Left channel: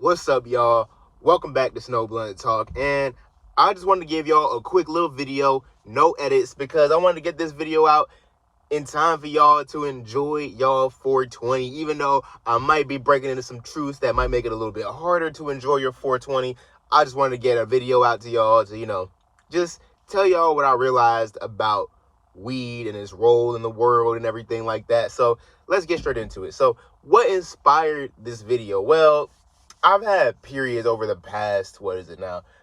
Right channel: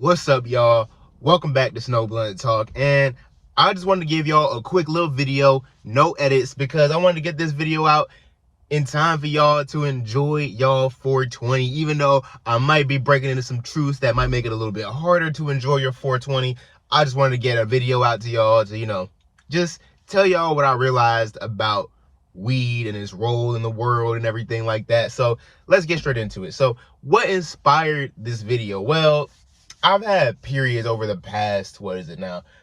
What's up, y'all? Welcome back to Snowblunt Talk, and I just wanted to give y'all a quick little video, no edits, because I wanted to get this video out in time for y'all to enjoy y'all 420, even though I might be breaking into some truths that might make it a little bit harder to enjoy your 420. I just wanted to get a video out to y'all to, just tell y'all what I realized about weed and its role in the world and everything like that. So let's get straight into it. So what inspired this video? Well, I've had periods over the past,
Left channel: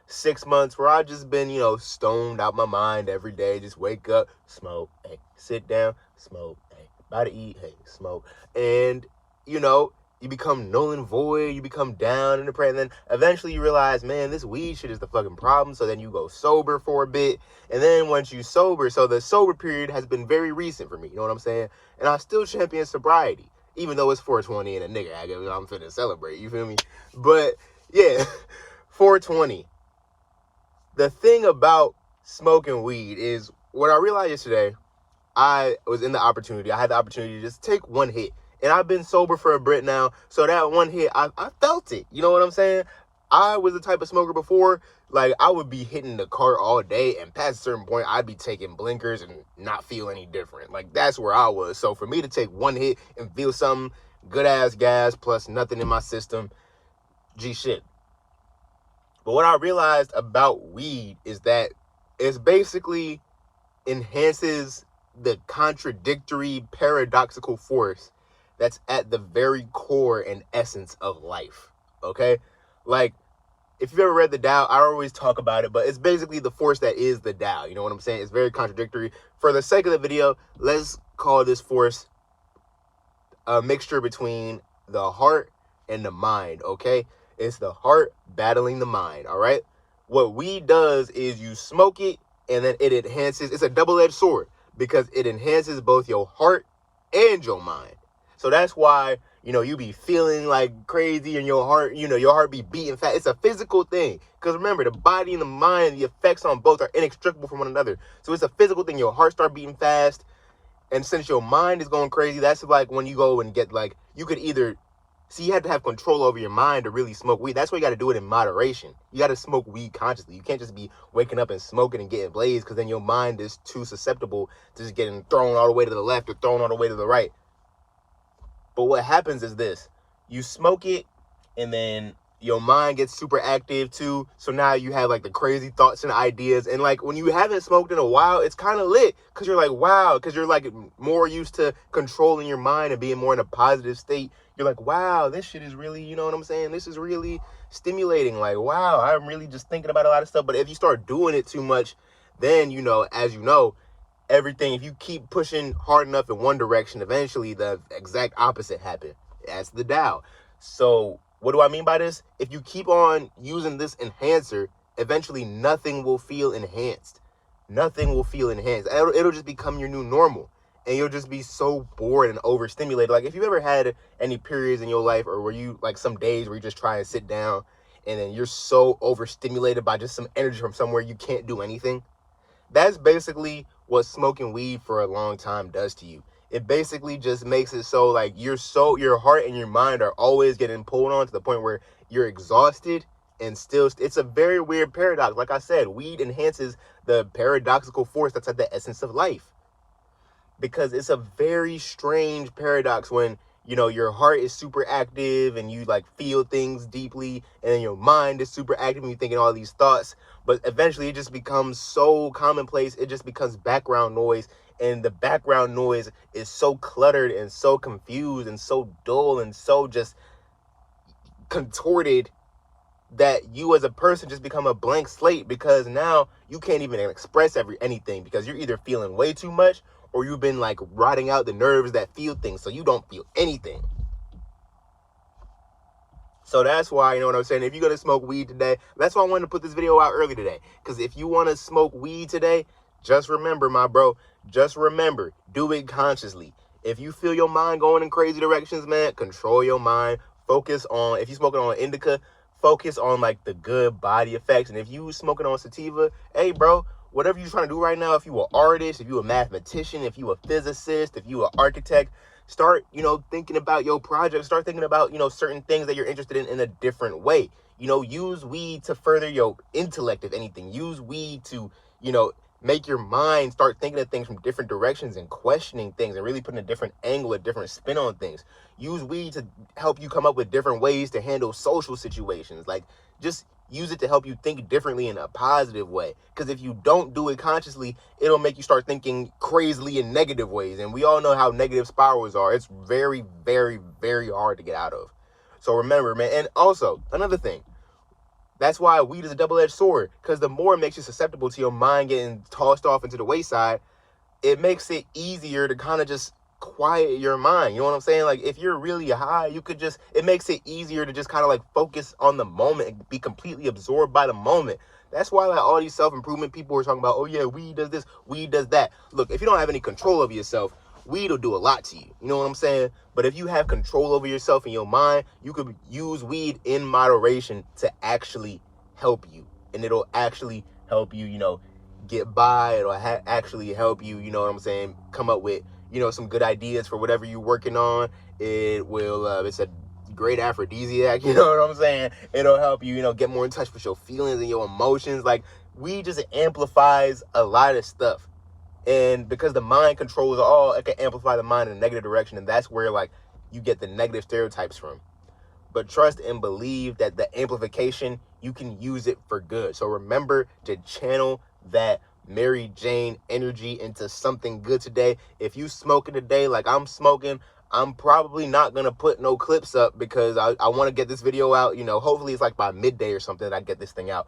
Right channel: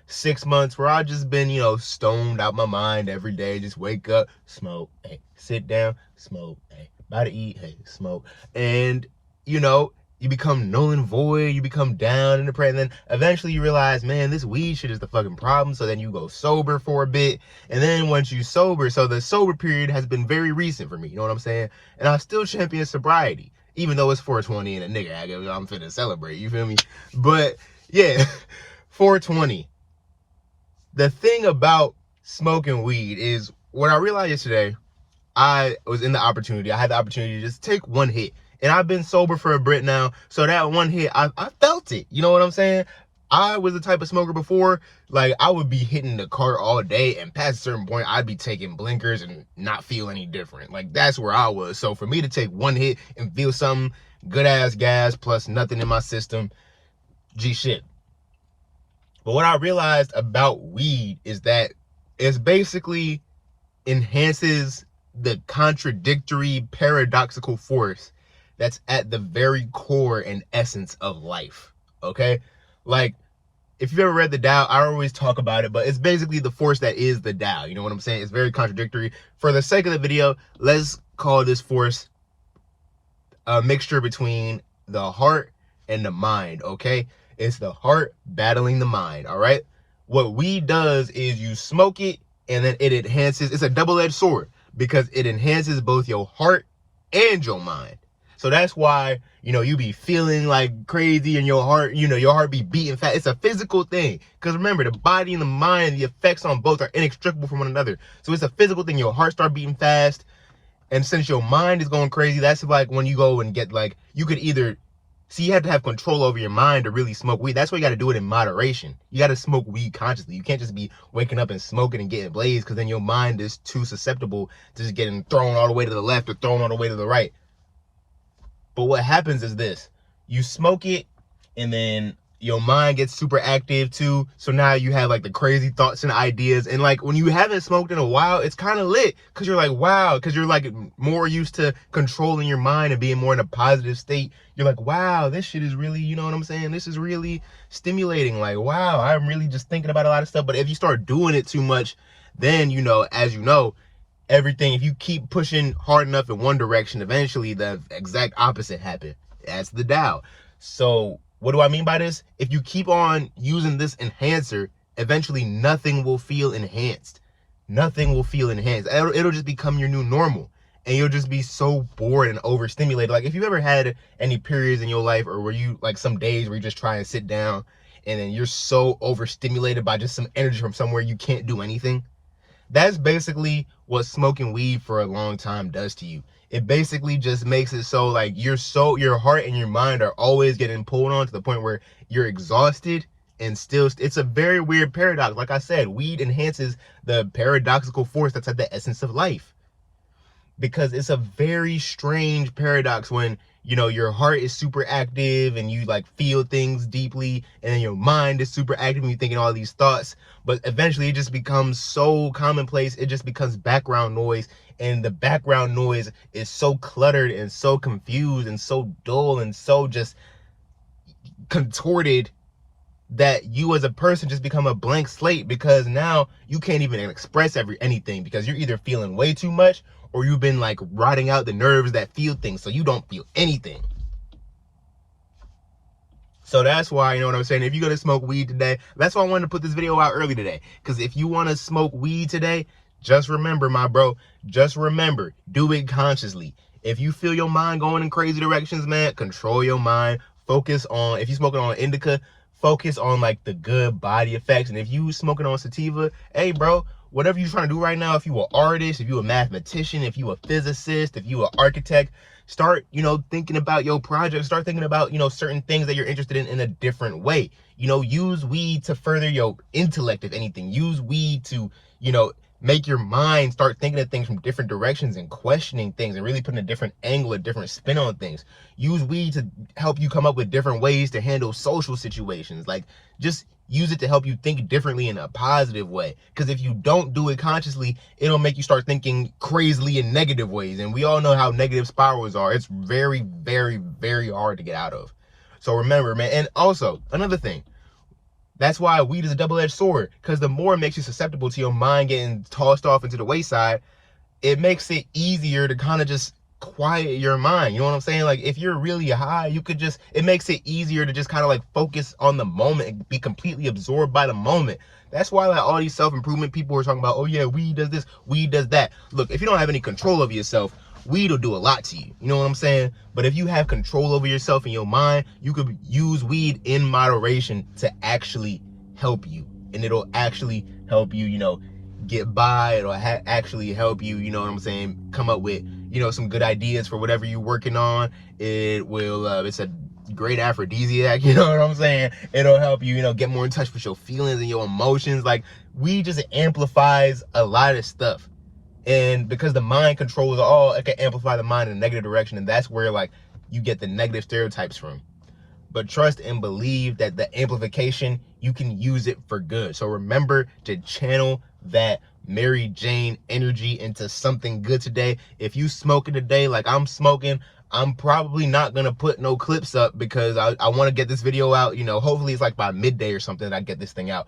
6 months where I've just been, stoned out my mind every day. Just wake up, smoke, hey, sit down, smoke, hey, about to eat, hey, smoke. And, you become null and void, you become down and depressed, and then eventually you realize, man, this weed shit is the fucking problem. So then you go sober for a bit, and then once you sober, so the sober period has been very recent for me, you know what I'm saying? And I still champion sobriety, even though it's 420 and a nigga I'm finna celebrate, you feel me? But yeah, 420. The thing about smoking weed is what I realized yesterday, I had the opportunity to just take one hit. And I've been sober for a bit now, so that one hit, I felt it. You know what I'm saying? I was the type of smoker before, like, I would be hitting the cart all day, and past a certain point, I'd be taking blinkers and not feel any different. Like, that's where I was. So for me to take one hit and feel something, good-ass gas, plus nothing in my system, G shit. But what I realized about weed is that it basically enhances the contradictory, paradoxical force that's at the very core and essence of life, okay? Like, if you've ever read the Tao, I always talk about it, but it's basically the force that is the Tao. You know what I'm saying? It's very contradictory. For the sake of the video, let's call this force a mixture between the heart and the mind, okay? It's the heart battling the mind, all right? What weed does is you smoke it, and then it enhances. It's a double-edged sword because it enhances both your heart and your mind. So that's why, you be feeling like crazy and your heart, your heart be beating fast. It's a physical thing. Because remember, the body and the mind, the effects on both are inextricable from one another. So it's a physical thing. Your heart start beating fast. And since your mind is going crazy, that's like when you go and get you could either, you have to have control over your mind to really smoke weed. That's why you got to do it in moderation. You got to smoke weed consciously. You can't just be waking up and smoking and getting blazed, because then your mind is too susceptible to just getting thrown all the way to the left or thrown all the way to the right. But what happens is this: you smoke it, and then your mind gets super active too. So now you have the crazy thoughts and ideas. And when you haven't smoked in a while, it's kind of lit, because you're like, wow, because you're more used to controlling your mind and being more in a positive state. You're like, wow, this shit is really, you know what I'm saying? This is really stimulating. Like, wow, I'm really just thinking about a lot of stuff. But if you start doing it too much, then, as you know, everything, if you keep pushing hard enough in one direction, eventually the exact opposite happens. That's the Tao. So what do I mean by this? If you keep on using this enhancer, eventually nothing will feel enhanced. Nothing will feel enhanced. It'll just become your new normal. And you'll just be so bored and overstimulated. Like, if you ever had any periods in your life, or were you some days where you just try and sit down, and then you're so overstimulated by just some energy from somewhere you can't do anything? That's basically what smoking weed for a long time does to you. It basically just makes it so your heart and your mind are always getting pulled on to the point where you're exhausted, and still, it's a very weird paradox. Like I said, weed enhances the paradoxical force that's at the essence of life, because it's a very strange paradox when your heart is super active and you feel things deeply, and then your mind is super active and you're thinking all these thoughts, but eventually it just becomes so commonplace. It just becomes background noise, and the background noise is so cluttered and so confused and so dull and so just contorted that you as a person just become a blank slate, because now you can't even express anything, because you're either feeling way too much, or you've been rotting out the nerves that feel things, so you don't feel anything. So that's why, you know what I'm saying, if you're gonna smoke weed today, that's why I wanted to put this video out early today, because if you want to smoke weed today, just remember, my bro, do it consciously. If you feel your mind going in crazy directions, man, control your mind. Focus on, if you're smoking on indica, focus on the good body effects. And if you smoking on sativa, hey bro, whatever you're trying to do right now, if you an artist, if you a mathematician, if you a physicist, if you an architect, start, thinking about your project. Start thinking about, certain things that you're interested in a different way. Use weed to further your intellect, if anything. Use weed to, make your mind start thinking of things from different directions and questioning things and really putting a different angle, a different spin on things. Use weed to help you come up with different ways to handle social situations. Like, just use it to help you think differently in a positive way. Because if you don't do it consciously, it'll make you start thinking crazily in negative ways. And we all know how negative spirals are. It's very, very, very hard to get out of. So remember, man. And also, another thing, that's why weed is a double-edged sword, because the more it makes you susceptible to your mind getting tossed off into the wayside, it makes it easier to kind of just quiet your mind. You know what I'm saying? Like, if you're really high, it makes it easier to just kind of like focus on the moment and be completely absorbed by the moment. That's why like all these self-improvement people are talking about, oh yeah, weed does this, weed does that. Look, if you don't have any control over yourself, weed will do a lot to you. You know what I'm saying? But if you have control over yourself and your mind, you could use weed in moderation to actually help you. And it'll actually help you, get by. It'll actually help you, you know what I'm saying, come up with, some good ideas for whatever you're working on. It will, it's a great aphrodisiac, you know what I'm saying? It'll help you, get more in touch with your feelings and your emotions. Like, weed just amplifies a lot of stuff. And because the mind controls all, it can amplify the mind in a negative direction. And that's where, like, you get the negative stereotypes from. But trust and believe that the amplification, you can use it for good. So remember to channel that Mary Jane energy into something good today. If you smoking today like I'm smoking, I'm probably not going to put no clips up because I want to get this video out. Hopefully it's like by midday or something that I get this thing out.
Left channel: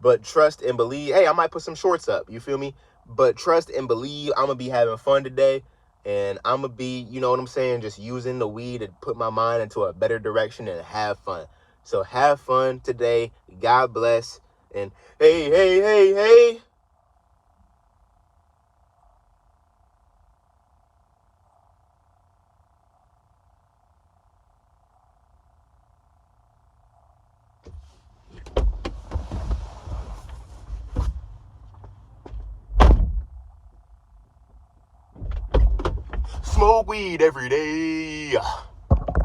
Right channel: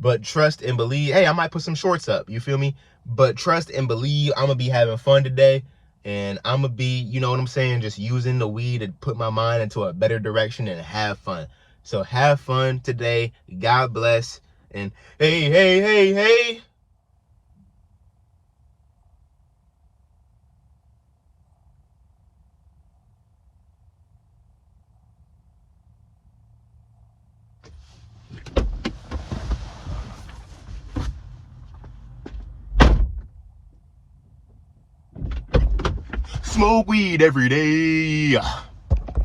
But trust and believe, hey, I might put some shorts up, you feel me? But trust and believe, I'm going to be having fun today. And I'm going to be, you know what I'm saying, just using the weed to put my mind into a better direction and have fun. So have fun today. God bless. And hey, hey, hey, hey. Smoke weed every day.